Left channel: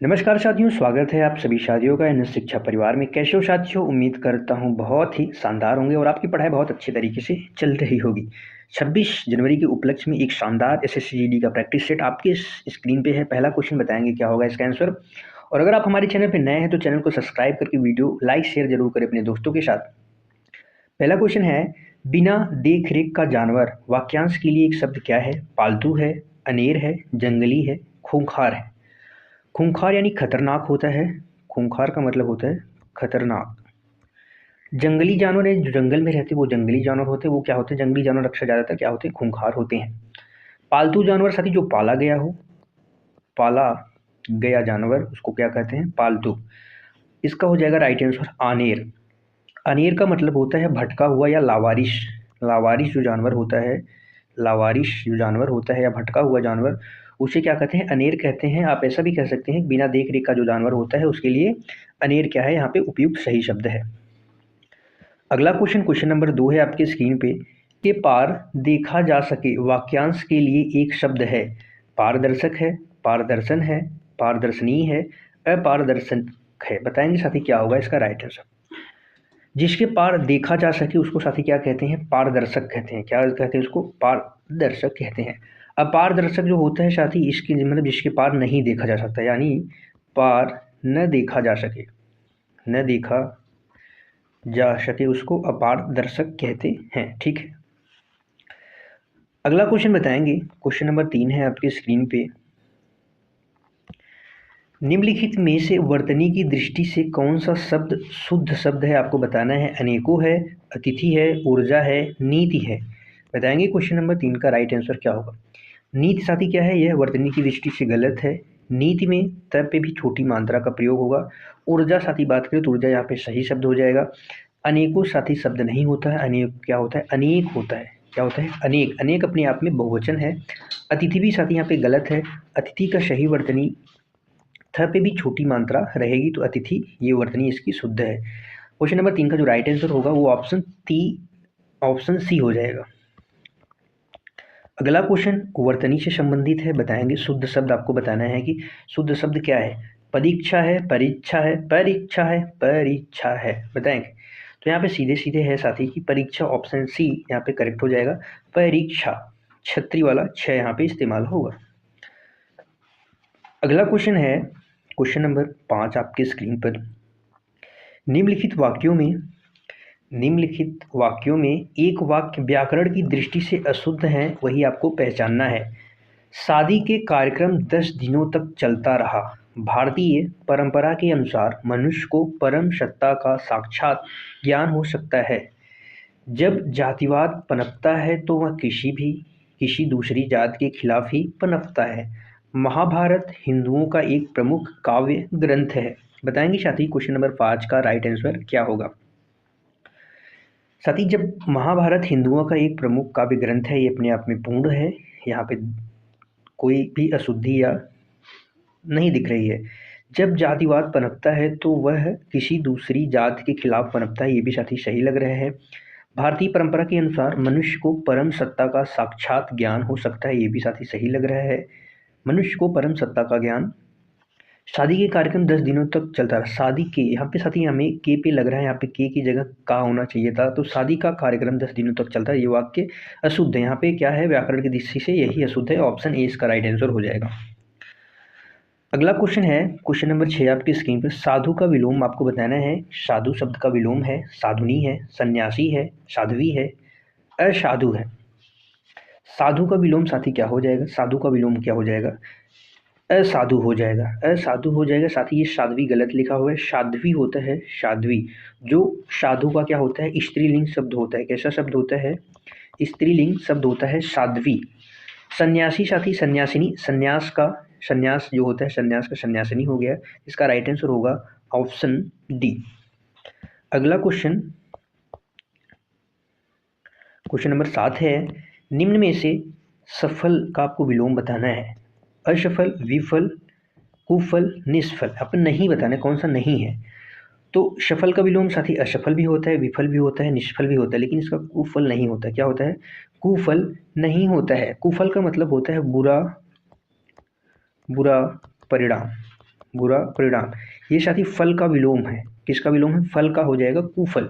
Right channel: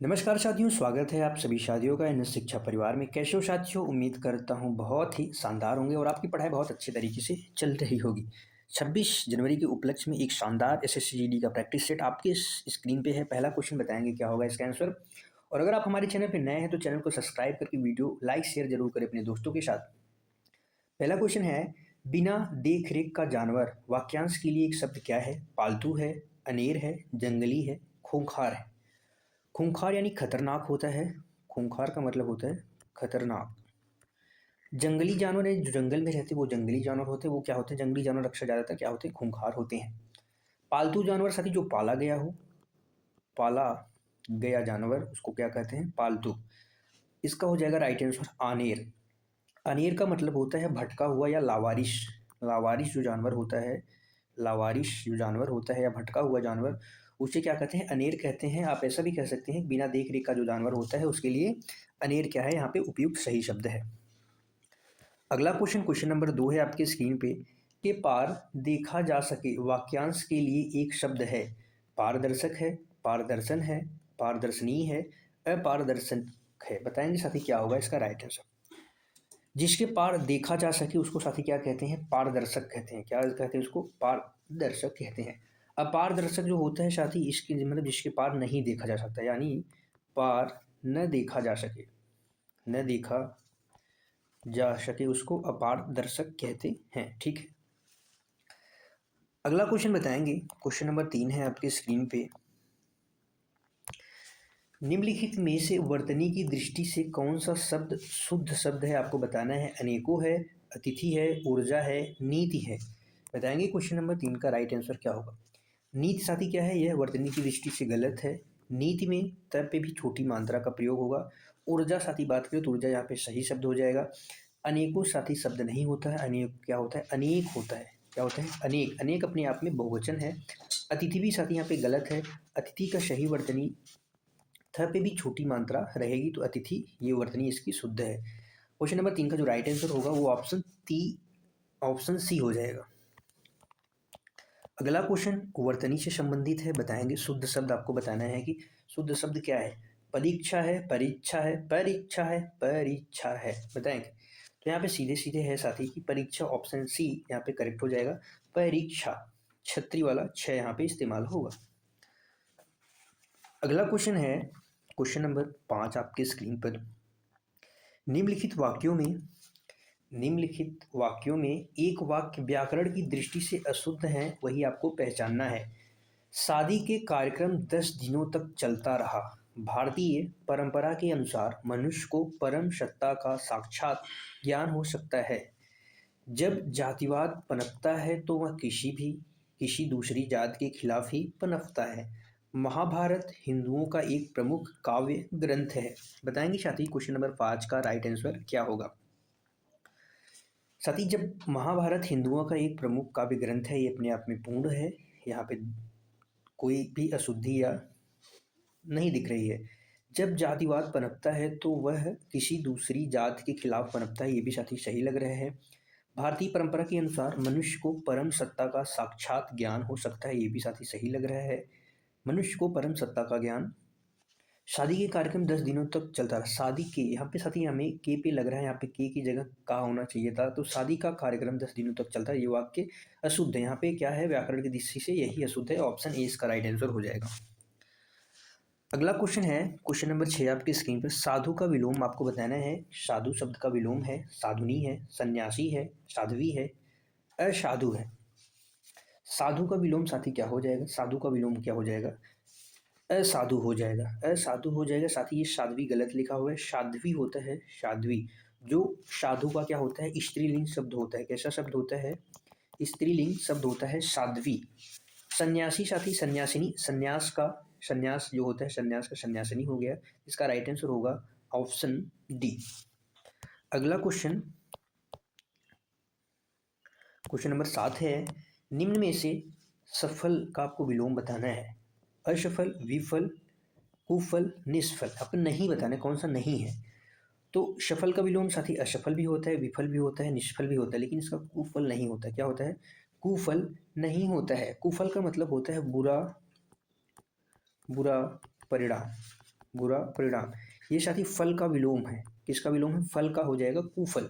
नमस्कार साथियों, स्वागत है आप सभी साथियों का एन एस शिक्षा परिवार में। कैसे हो साथियों? उम्मीद करता हूँ बहुत ही शानदार होंगे और आपकी पढ़ाई बहुत अच्छे तरीके से चल रही होगी। 26 जनवरी के उपलक्ष्य में एक शानदार एसएससी जीडी का प्रैक्टिस सेट आपके स्क्रीन पे है। पहला क्वेश्चन बताएंगे क्या होगा इसका आंसर। और अगर आप हमारे चैनल पर नए हैं तो चैनल को सब्सक्राइब करके वीडियो लाइक शेयर जरूर करें अपने दोस्तों के साथ। पहला क्वेश्चन है, बिना देख रेख का जानवर वाक्यांश के लिए एक शब्द क्या है? पालतू है, अनेर है, जंगली है, खूंखार है। खूंखार यानी खतरनाक होता है। खूंखार का मतलब होता है खतरनाक। जंगली जानवर है, जो जंगल में रहते हैं वो जंगली जानवर होते हैं। वो क्या होते हैं? जंगली जानवर अक्सर ज़्यादातर क्या होते हैं? खूंखार होते हैं। पालतू जानवर साथी जो पाला गया हो, पाला गया जानवर उसको क्या कहते हैं? पालतू। इसका हो जाएगा राइट आंसर आनेर। अनेर का मतलब होता है भटका हुआ या लावारिश। लावारिश जो जानवर होता है, लावारिश जो जानवर होता है या भटका हुआ जानवर, उसे क्या कहते हैं? अनेर कहते हैं। आप ऐसा भी कह सकते हैं बिना देख रेख का जो जानवर होता है उसके लिए अनेर क्या है? यहाँ पे उपयुक्त सही शब्द है। अगला क्वेश्चन, क्वेश्चन नंबर 2 है आपके स्क्रीन पे। के पार देखा जा सके वाक्यांश के लिए एक शब्द है। पारदर्शक है, पारदर्शन है, पारदर्शनीय है, अपारदर्शन है। बताएंगे साथी क्या होगा इसका राइट आंसर। जिसके पार देखा जा सके उसको साथी क्या कहते हैं? पारदर्शक कहते हैं। क्या कहते हैं उसको? पारदर्शक कहते हैं। अपारदर्शक जो होता है साथी, इसके मतलब जिसके पार नहीं देखा जा सकता, यानी पार न देखा जा सके, न देखा जा सके उसको अपारदर्शक कहते हैं। ठीक है। अगला क्वेश्चन बताएंगे, क्वेश्चन नंबर 3 है आपके स्क्रीन पे। निम्नलिखित में से वर्तनी की दृष्टि से कौन सा शब्द शुद्ध शब्द है? आपको बताना है। अनेकों है, अतिथि है, ऊर्जा है, नीति है। बताएंगे क्वेश्चन नंबर 3 का राइट आंसर क्या होगा। नीति साथी क्या है? यह वर्तनी की दृष्टि से गलत है। नीति में तब पे भी छोटी मात्रा का प्रयोग होगा। ऊर्जा साथी बात करें तो ऊर्जा यहाँ पे सही शब्द हो जाएगा। अनेकों साथी शब्द नहीं होता है। अनेक क्या होता है? अनेक होता है। क्या होता है? अनेक। अनेक अपने आप में बहुवचन है। अतिथि भी साथी यहाँ पे गलत है। अतिथि का सही वर्तनी थ पे भी छोटी मात्रा रहेगी तो अतिथि, ये वर्तनी इसकी शुद्ध है। क्वेश्चन नंबर 3 का जो राइट आंसर होगा वो ऑप्शन सी हो जाएगा। अगला क्वेश्चन वर्तनी से संबंधित है। बताएंगे शुद्ध शब्द आपको बताना है कि शुद्ध शब्द क्या है। परीक्षा है, परीक्षा है, परीक्षा है, परीक्षा है। बताएंगे तो यहाँ पे सीधे सीधे है साथी की परीक्षा। ऑप्शन सी यहाँ पे करेक्ट हो जाएगा। परीक्षा छत्री वाला 6 यहाँ पे इस्तेमाल होगा। अगला क्वेश्चन है क्वेश्चन नंबर 5 आपके स्क्रीन पर। निम्नलिखित वाक्यों में निम्नलिखित वाक्यों में एक वाक्य व्याकरण की दृष्टि से अशुद्ध है, वही आपको पहचानना है। शादी के कार्यक्रम 10 दिनों तक चलता रहा। भारतीय परंपरा के अनुसार मनुष्य को परम सत्ता का साक्षात ज्ञान हो सकता है। जब जातिवाद पनपता है तो वह किसी दूसरी जात के खिलाफ ही पनपता है। महाभारत हिंदुओं का एक प्रमुख काव्य ग्रंथ है। बताएंगे साथी क्वेश्चन नंबर 5 का राइट आंसर क्या होगा। साथी जब महाभारत हिंदुओं का एक प्रमुख काव्य ग्रंथ है, ये अपने आप में पूर्ण है। यहाँ पे कोई भी अशुद्धि या नहीं दिख रही है। जब जातिवाद पनपता है तो वह किसी दूसरी जात के खिलाफ पनपता है, ये भी साथी सही लग रहा है। भारतीय परंपरा के अनुसार मनुष्य को परम सत्ता का साक्षात ज्ञान हो सकता है, ये भी साथी सही लग रहा है। मनुष्य को परम सत्ता का ज्ञान। शादी के कार्यक्रम 10 दिनों तक चलता रहा। शादी के यहाँ पे साथी हमें के पे लग रहा है, यहाँ पे के की जगह का होना चाहिए था। तो शादी का कार्यक्रम 10 दिनों तक चलता है, ये वाक्य अशुद्ध है। यहाँ पे क्या है? व्याकरण की दृष्टि से यही अशुद्ध है। ऑप्शन ए इसका राइट आंसर हो जाएगा। अगला क्वेश्चन है क्वेश्चन नंबर 6 आपकी स्क्रीन पर। साधु का विलोम आपको बताना है। साधु शब्द का विलोम है साधुनी है, सन्यासी है, साध्वी है, असाधु है। साधु का विलोम साथी क्या हो जाएगा? साधु का विलोम क्या हो जाएगा? असाधु हो जाएगा। असाधु हो जाएगा साथी। ये साध्वी गलत लिखा हुआ है, साध्वी होता है साध्वी। जो साधु का क्या होता है? स्त्रीलिंग शब्द होता है। कैसा शब्द होता है? स्त्रीलिंग शब्द होता है साध्वी। सन्यासी साथी सन्यासिनी, संन्यास जो होता है सन्यास का सन्यासिनी हो गया। इसका राइट आंसर होगा ऑप्शन डी। अगला क्वेश्चन क्वेश्चन नंबर 7 है। निम्न में से सफल का आपको विलोम बताना है। असफल, विफल, कुफल, निष्फल। आपको नहीं बताना है कौन सा नहीं है। तो सफल का विलोम साथी असफल भी होता है, विफल भी होता है, निष्फल भी होता है, लेकिन इसका कुफल नहीं होता है। क्या होता है? कुफल नहीं होता है। कुफल का मतलब होता है बुरा बुरा परिणाम। बुरा परिणाम। ये साथी फल का विलोम है। किसका विलोम है? फल का हो जाएगा कुफल।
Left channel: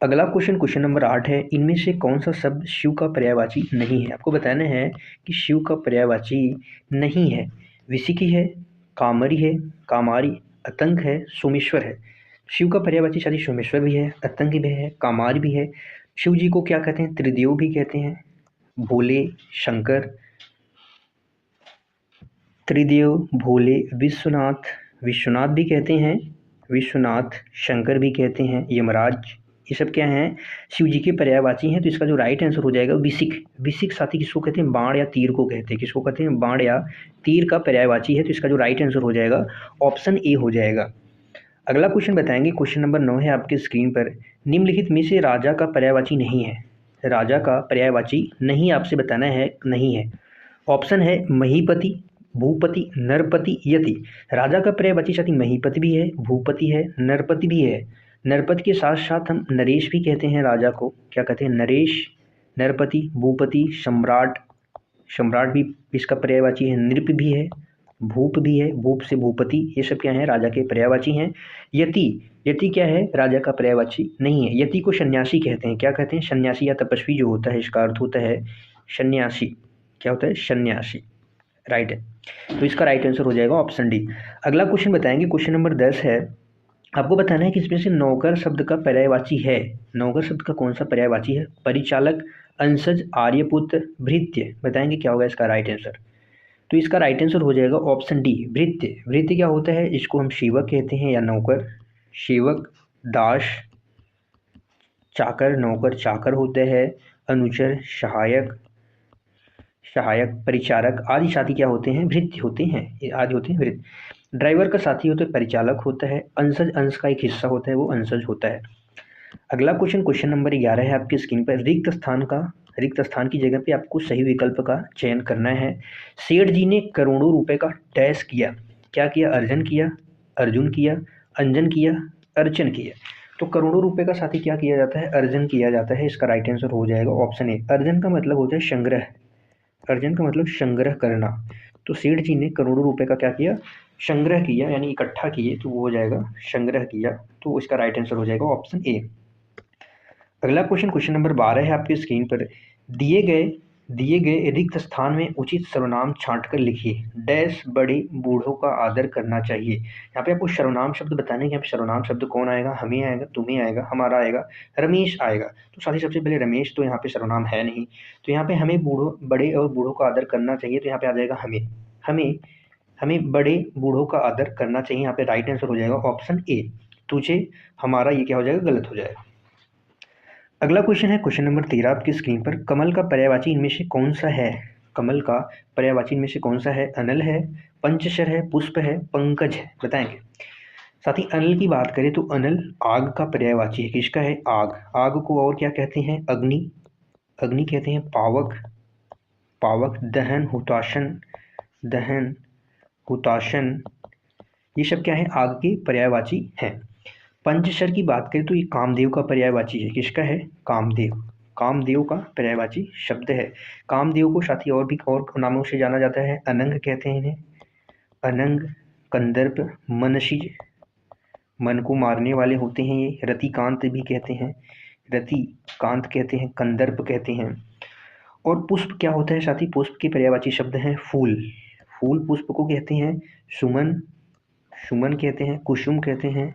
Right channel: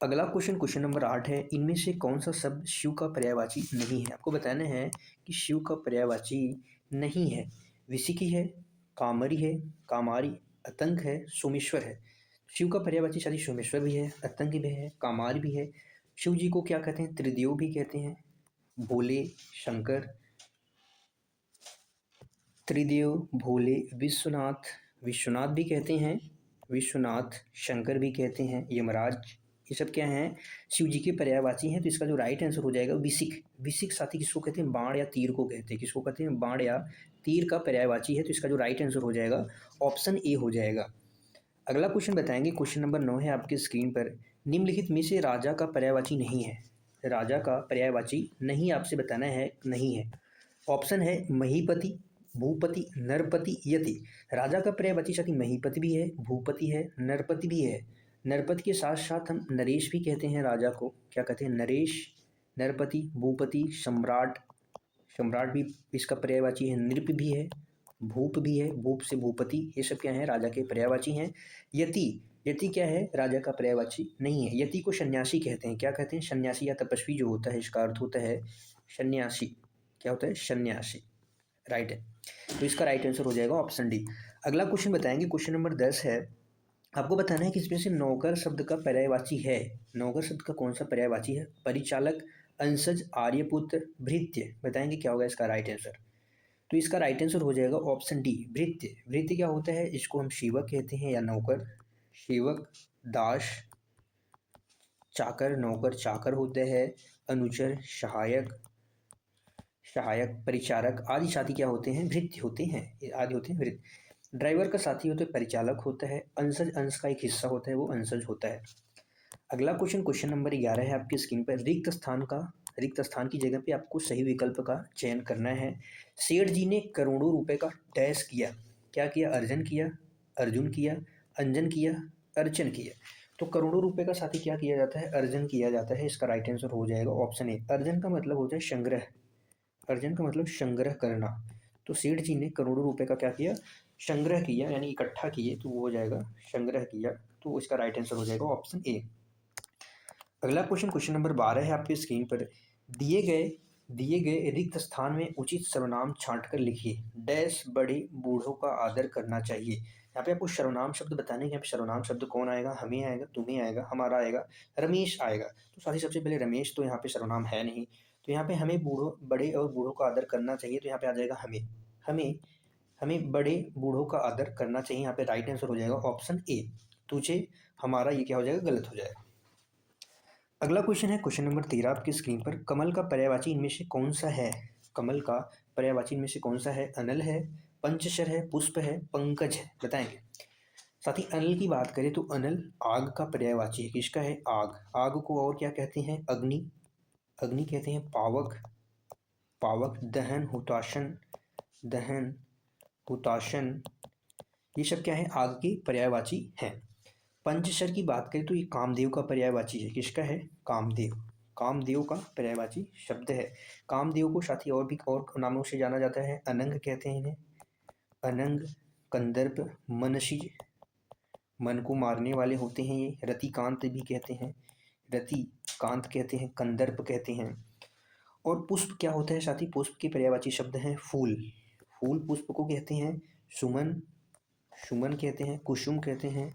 अगला क्वेश्चन नंबर 8 है, इनमें से कौन सा शब्द शिव का पर्यायवाची नहीं है? आपको बताना है कि शिव का पर्यायवाची नहीं है। विसिकी है, कामरी है, कामारी, अतंक है, सोमेश्वर है। शिव का पर्यायवाची साथी सोमेश्वर भी है, अतंक भी है, कामारी भी है। शिव जी को क्या कहते हैं? त्रिदेव भी कहते हैं, भोले, शंकर, त्रिदेव, भोले, विश्वनाथ, विश्वनाथ भी कहते हैं, विश्वनाथ, शंकर भी कहते हैं, यमराज, ये सब क्या हैं? शिव जी के पर्यायवाची हैं। तो इसका जो राइट आंसर हो जाएगा विसिक। विसिक साथी किसको कहते हैं? बाण या तीर को कहते हैं। किसको कहते हैं? बाण या तीर का पर्यायवाची है। तो इसका जो राइट आंसर हो जाएगा ऑप्शन ए हो जाएगा। अगला क्वेश्चन बताएंगे, क्वेश्चन नंबर 9 है आपके स्क्रीन पर, निम्नलिखित में से राजा का पर्यायवाची नहीं है। राजा का पर्यायवाची नहीं आपसे बताना है, नहीं है। ऑप्शन है महीपति, भूपति, नरपति, यति। राजा का पर्यायवाची साथी महीपति भी है, भूपति है, नरपति भी है। नरपति के साथ साथ हम नरेश भी कहते हैं राजा को। क्या कहते हैं? नरेश, नरपति, भूपति, सम्राट। सम्राट भी इसका पर्यायवाची है। नृप भी है, भूप भी है, भूप से भूपति। ये सब क्या है? राजा के पर्यायवाची हैं। यति, यति क्या है? राजा का पर्यायवाची नहीं है। यति को सन्यासी कहते हैं। क्या कहते हैं? सन्यासी या तपस्वी जो होता है, इसका अर्थ होता है सन्यासी। क्या होता है? सन्यासी। राइट है। तो इसका राइट आंसर हो जाएगा ऑप्शन डी। अगला क्वेश्चन बताएंगे, क्वेश्चन नंबर 10 है। आपको बताना है कि इसमें से नौकर शब्द का पर्यायवाची है। नौकर शब्द का कौन सा पर्यायवाची है? परिचालक, अंशज, आर्यपुत्र, भृत्य। बताएंगे क्या होगा इसका राइट आंसर। तो इसका राइट आंसर हो जाएगा ऑप्शन डी, भृत्य। भृत्य क्या होता है? इसको हम सेवक कहते हैं या नौकर। सेवक, दास, चाकर, नौकर चाकर होते हैं, अनुचर, सहायक, सहायक, परिचारक आदि साथी क्या होते हैं? भृत्य होते हैं। ये आदि होते हैं भृत्य। ड्राइवर का साथी होता है परिचालक होता है। अंशज, अंश का एक हिस्सा होता है, वो अंशज होता है। अगला क्वेश्चन, क्वेश्चन नंबर 11 है आपकी स्क्रीन पर। रिक्त स्थान की जगह पे आपको सही विकल्प का चयन करना है। सेठ जी ने करोड़ों रुपए का डैश किया। क्या किया? अर्जन किया, अर्जुन किया, अंजन किया, अर्चन किया। तो करोड़ों रुपए का साथी क्या किया जाता है? अर्जन किया जाता है। इसका राइट आंसर हो जाएगा ऑप्शन ए। अर्जन का मतलब होता है संग्रह। अर्जन का मतलब संग्रह करना। तो सेठ जी ने करोड़ों रुपए का क्या किया? संग्रह किया, यानी इकट्ठा किए, तो वो हो जाएगा संग्रह किया। तो इसका राइट आंसर हो जाएगा ऑप्शन ए। अगला क्वेश्चन, क्वेश्चन नंबर 12 है आपकी स्क्रीन पर। दिए गए रिक्त स्थान में उचित सर्वनाम छांटकर लिखिए। डैश बड़े बूढ़ों का आदर करना चाहिए। यहाँ पे आपको सर्वनाम शब्द बताने हैं। यहाँ पे सर्वनाम शब्द कौन आएगा? हमें आएगा, तुम्हें आएगा, हमारा आएगा, रमेश आएगा। तो साथ ही सबसे पहले रमेश तो यहाँ पे सर्वनाम है नहीं। तो यहाँ पे हमें बड़े और बूढ़ों का आदर करना चाहिए। तो यहाँ पे आ जाएगा हमें। हमें हमें बड़े बूढ़ों का आदर करना चाहिए। यहाँ पे राइट आंसर हो जाएगा ऑप्शन ए। तुझे, हमारा, ये क्या हो जाएगा? गलत हो जाएगा। अगला क्वेश्चन है क्वेश्चन नंबर 13 आपकी स्क्रीन पर। कमल का पर्यायवाची इनमें से कौन सा है? कमल का पर्यायवाची इनमें से कौन सा है? अनल है, पंचशर है, पुष्प है, पंकज है। बताएंगे। साथ ही अनल की बात करें तो अनल आग का पर्यायवाची है। किसका है? आग। आग को और क्या कहते हैं? अग्नि। अग्नि कहते हैं पावक। पावक, दहन, हुताशन, दहन, हुताशन, ये सब क्या है? आग के पर्यायवाची हैं। पंचशर की बात करें तो ये कामदेव का पर्यायवाची है। किसका है? कामदेव। कामदेव का पर्यायवाची शब्द है। कामदेव को साथी और भी और नामों से जाना जाता है। अनंग कहते हैं इन्हें। अनंग, कंदर्प, मनशीज, मन को मारने वाले होते हैं ये। रतिकांत भी कहते हैं, रतिकांत कहते हैं, कंदर्प कहते हैं। और पुष्प क्या होता है साथी? पुष्प के पर्यायवाची शब्द हैं फूल। फूल पुष्प को कहते हैं सुमन, सुमन कहते हैं, कुसुम कहते हैं,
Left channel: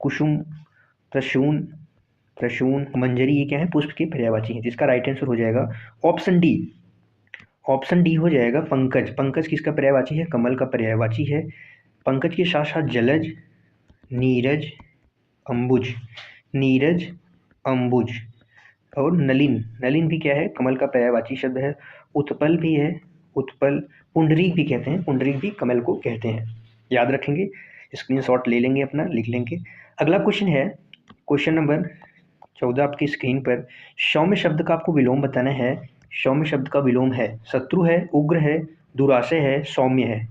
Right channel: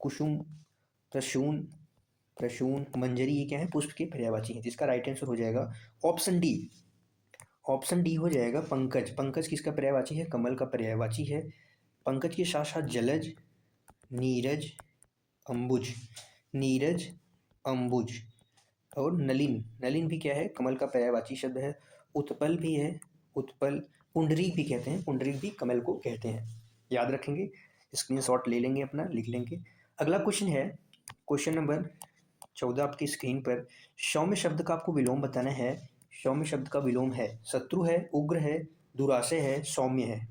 कुसुम, प्रसून, प्रसून, मंजरी, ये क्या है? पुष्प के पर्यायवाची हैं। जिसका राइट आंसर हो जाएगा ऑप्शन डी। ऑप्शन डी हो जाएगा पंकज। पंकज किसका पर्यायवाची है? कमल का पर्यायवाची है। पंकज के साथ साथ जलज, नीरज, अंबुज, नीरज, अंबुज और नलिन। नलिन भी क्या है? कमल का पर्यायवाची शब्द है। उत्पल भी है, उत्पल, पुंडरीक भी कहते हैं, पुंडरीक भी कमल को कहते हैं। याद रखेंगे, स्क्रीनशॉट ले लेंगे अपना, लिख लेंगे। अगला क्वेश्चन है क्वेश्चन नंबर 14 आपकी स्क्रीन पर। सौम्य शब्द का आपको विलोम बताना है। सौम्य शब्द का विलोम है शत्रु है, उग्र है, दुराशय है, सौम्य है,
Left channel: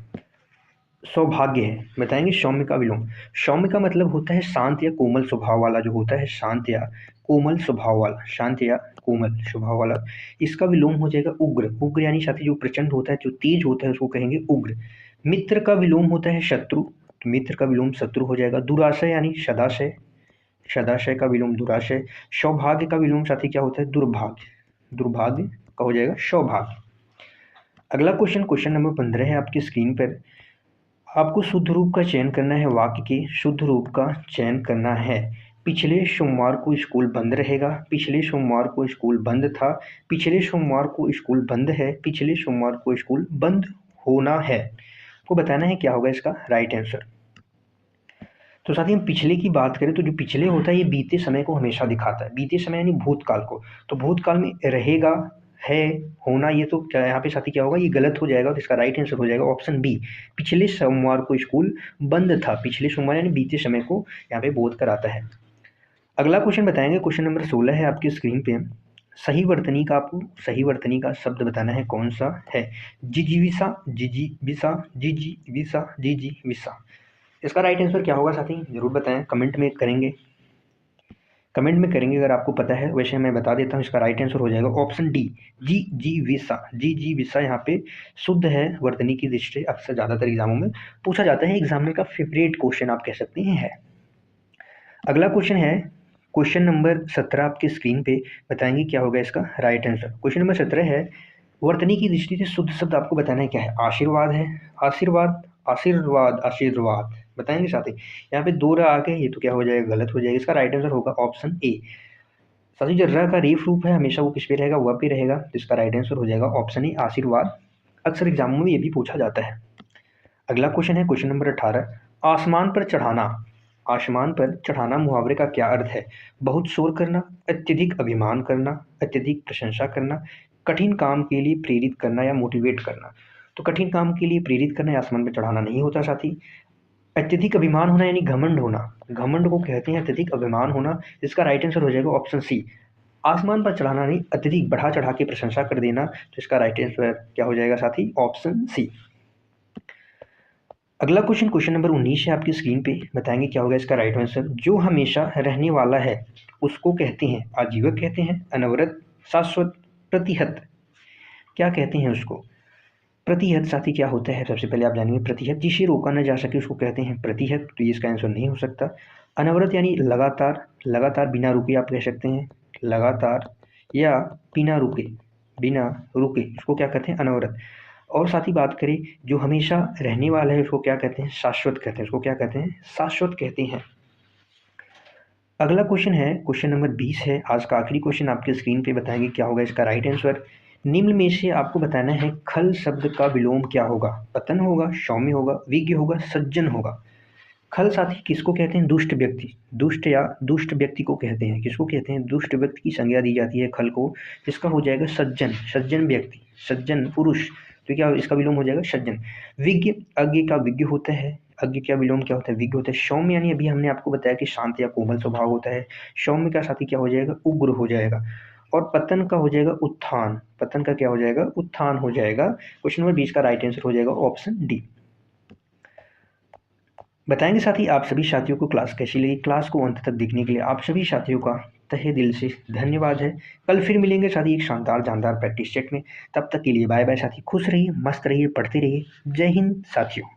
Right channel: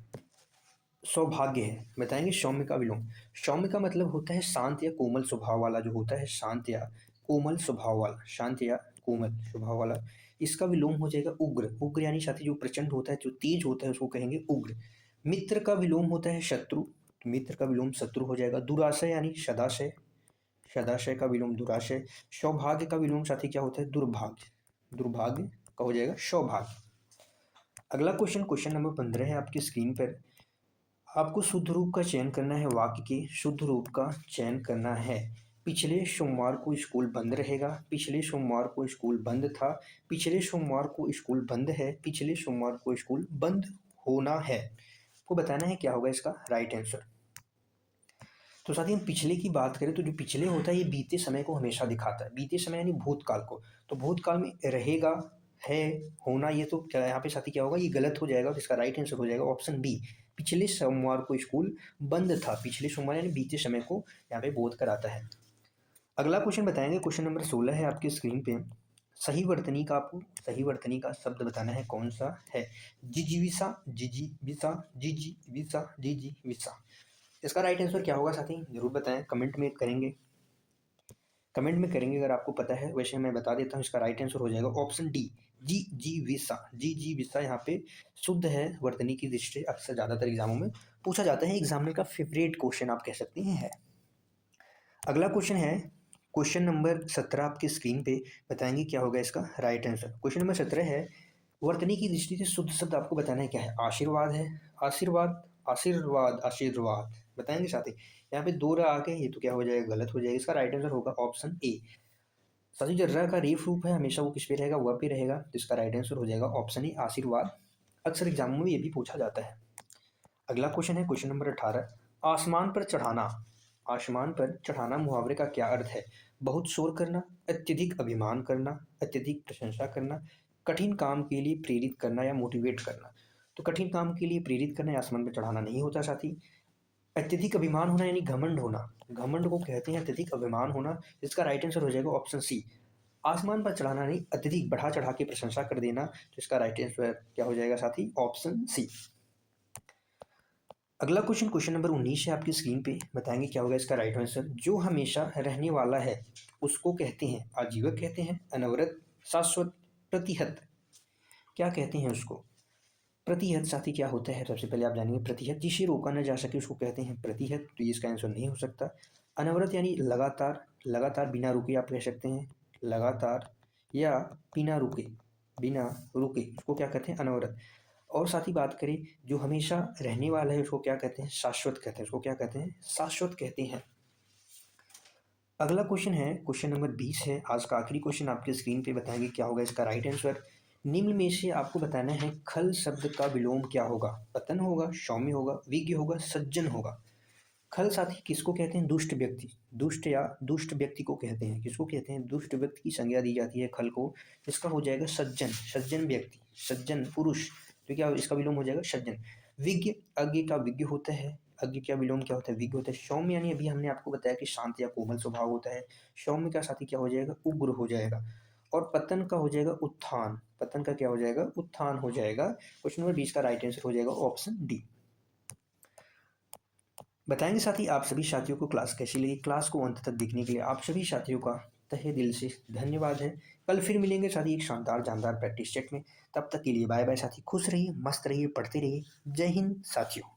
सौभाग्य है। बताएंगे सौम्य का विलोम। सौम्य का मतलब होता है शांत या कोमल स्वभाव वाला, जो होता है शांत या कोमल स्वभाव वाला, शांत या कोमल स्वभाव वाला। इसका विलोम हो जाएगा उग्र। उग्र यानी साथी जो प्रचंड होता है, जो तेज होता है, उसको कहेंगे उग्र। मित्र का विलोम होता है शत्रु, तो मित्र का विलोम शत्रु हो जाएगा। दुराशय यानी सदाशय, सदाशय का विलोम दुराशय। सौभाग्य का विलोम साथी क्या होता है? दुर्भाग्य, दुर्भाग्य का हो जाएगा सौभाग्य। अगला क्वेश्चन, क्वेश्चन नंबर 15 है आपकी स्क्रीन पर। आपको शुद्ध रूप का चयन करना है, वाक्य के शुद्ध रूप का चयन करना है। पिछले सोमवार को स्कूल बंद रहेगा, पिछले सोमवार को स्कूल बंद था, पिछले सोमवार को स्कूल बंद है, पिछले सोमवार को स्कूल बंद होना है। आपको बताना है क्या होगा इसका राइट आंसर। तो साथ ही हम पिछले की बात करें तो जो पिछले होता है ये बीते समय को हमेशा दिखाता है, बीते समय यानी भूतकाल को। तो भूतकाल में रहेगा, है, होना, ये तो क्या यहाँ पे साथी क्या होगा, ये गलत हो जाएगा। तो इसका राइट आंसर हो जाएगा ऑप्शन बी, पिछले सोमवार को स्कूल बंद था। पिछले सोमवार यानी बीते समय को यहाँ पे बोध कराता है। अगला क्वेश्चन बताएंगे, क्वेश्चन नंबर 16 है आपकी स्क्रीन पे। सही वर्तनी का आपको सही वर्तनी का शब्द बताना है, कौन सा है? जिजीविसा, जिजीविसा, जिजीविसा, जिजीविसा। इसका राइट आंसर क्या होगा साथी, जरूर बताएं, कमेंट में करेंगे, कमेंट में करेंगे अगर आपको पता है। वैसे मैं बता देता हूँ, इसका राइट आंसर हो जाएगा ऑप्शन डी, जी जी विसा। जी जी विसा यहाँ पे शुद्ध है वर्तनी की दृष्टि। अक्सर ज़्यादातर एग्जामों में पूछा जाता है, एग्जामिनर का फेवरेट क्वेश्चन आप कह सकते हैं है। अगला क्वेश्चन है क्वेश्चन नंबर 17 आपके स्क्रीन पे। बताएंगे क्या होगा इसका राइट आंसर। क्वेश्चन नंबर 17 है, वर्तनी की दृष्टि से शुद्ध शब्द आपको बताना है क्या है? आशीर्वाद है, आशीर्वाद, आशीर्वाद, आशीर्वाद। बताएंगे साथी। यहाँ पे दो र आ गए, ये तो क्या हो जाएगा, गलत हो जाएगा। इसका राइट आंसर होगा ऑप्शन ए। साथी जो र का रेफ रूप है हमेशा वो किस पे रहेगा, वह पे रहेगा। तो इसका राइट आंसर हो जाएगा ऑप्शन ए, आशीर्वाद। अक्सर एग्जामों में ये भी पूछा जाता है। अगला क्वेश्चन है क्वेश्चन नंबर 18, आसमान पर चढ़ाना। आसमान पर चढ़ाना मुहावरे का क्या अर्थ है? बहुत शोर करना, अत्यधिक अभिमान करना, अत्यधिक प्रशंसा करना, कठिन काम के लिए प्रेरित करना या मोटिवेट करना। तो कठिन काम के लिए प्रेरित करना या आसमान पर चढ़ाना नहीं होता साथी। अत्यधिक अभिमान होना यानी घमंड होना, घमंड को कहते हैं अत्यधिक अभिमान होना। इसका राइट आंसर हो जाएगा ऑप्शन सी, आसमान पर चढ़ाना नहीं, अत्यधिक बढ़ा चढ़ा के प्रशंसा कर देना। तो इसका राइट आंसर क्या हो जाएगा साथी, ऑप्शन सी। अगला क्वेश्चन, क्वेश्चन नंबर 19 है आपकी स्क्रीन पे। बताएंगे क्या होगा इसका राइट आंसर। जो हमेशा रहने वाला है उसको कहते हैं आजीवक, कहते हैं अनवरत, शाश्वत, प्रतिहत। क्या कहते हैं उसको? प्रतिहत साथी क्या होता है, सबसे पहले आप जानेंगे। प्रतिहत, जिसे रोका न जा सके उसको कहते हैं प्रतिहत। तो ये इसका आंसर नहीं हो सकता। अनवरत यानी लगातार, लगातार बिना रुके आप कह सकते हैं, लगातार या बिना रुके, बिना रुके इसको क्या कहते हैं, अनवरत। और साथ ही बात करें जो हमेशा रहने वाला है उसको क्या कहते हैं, शाश्वत कहते हैं। उसको क्या कहते हैं, शाश्वत कहते हैं। अगला क्वेश्चन है क्वेश्चन नंबर 20 है, आज का आखिरी क्वेश्चन आपके स्क्रीन पे। बताएंगे क्या होगा इसका राइट आंसर। निम्न में से आपको बताना है खल शब्द का विलोम क्या होगा? पतन होगा, सौम्य होगा, विज्ञ होगा, सज्जन होगा। खल साथी किसको कहते हैं? दुष्ट व्यक्ति, दुष्ट या दुष्ट व्यक्ति को कहते हैं। किसको कहते हैं? दुष्ट व्यक्ति की संज्ञा दी जाती है खल को। इसका हो जाएगा सज्जन, सज्जन व्यक्ति, सज्जन पुरुष। तो क्या इसका विलोम हो जाएगा सज्जन। विज्ञ, अज्ञ का विज्ञ होता है, अज्ञ का विलोम क्या होता है, विज्ञ होता है। सौम्य यानी अभी हमने आपको बताया कि शांत या कोमल स्वभाव होता है। सौम्य का साथी क्या हो जाएगा, उग्र हो जाएगा। और पतन का हो जाएगा उत्थान, पतन का क्या हो जाएगा, उत्थान हो जाएगा। क्वेश्चन नंबर 20 का राइट आंसर हो जाएगा ऑप्शन डी। बताएंगे साथ ही आप सभी साथियों को क्लास कैसी लगी। क्लास को अंत तक देखने के लिए आप सभी साथियों का तहे दिल से धन्यवाद है। कल फिर मिलेंगे साथी एक शानदार जानदार प्रैक्टिस सेट में। तब तक के लिए बाय बाय साथी, खुश रहिए, मस्त रहिए, पढ़ते रहिए। जय हिंद साथियों।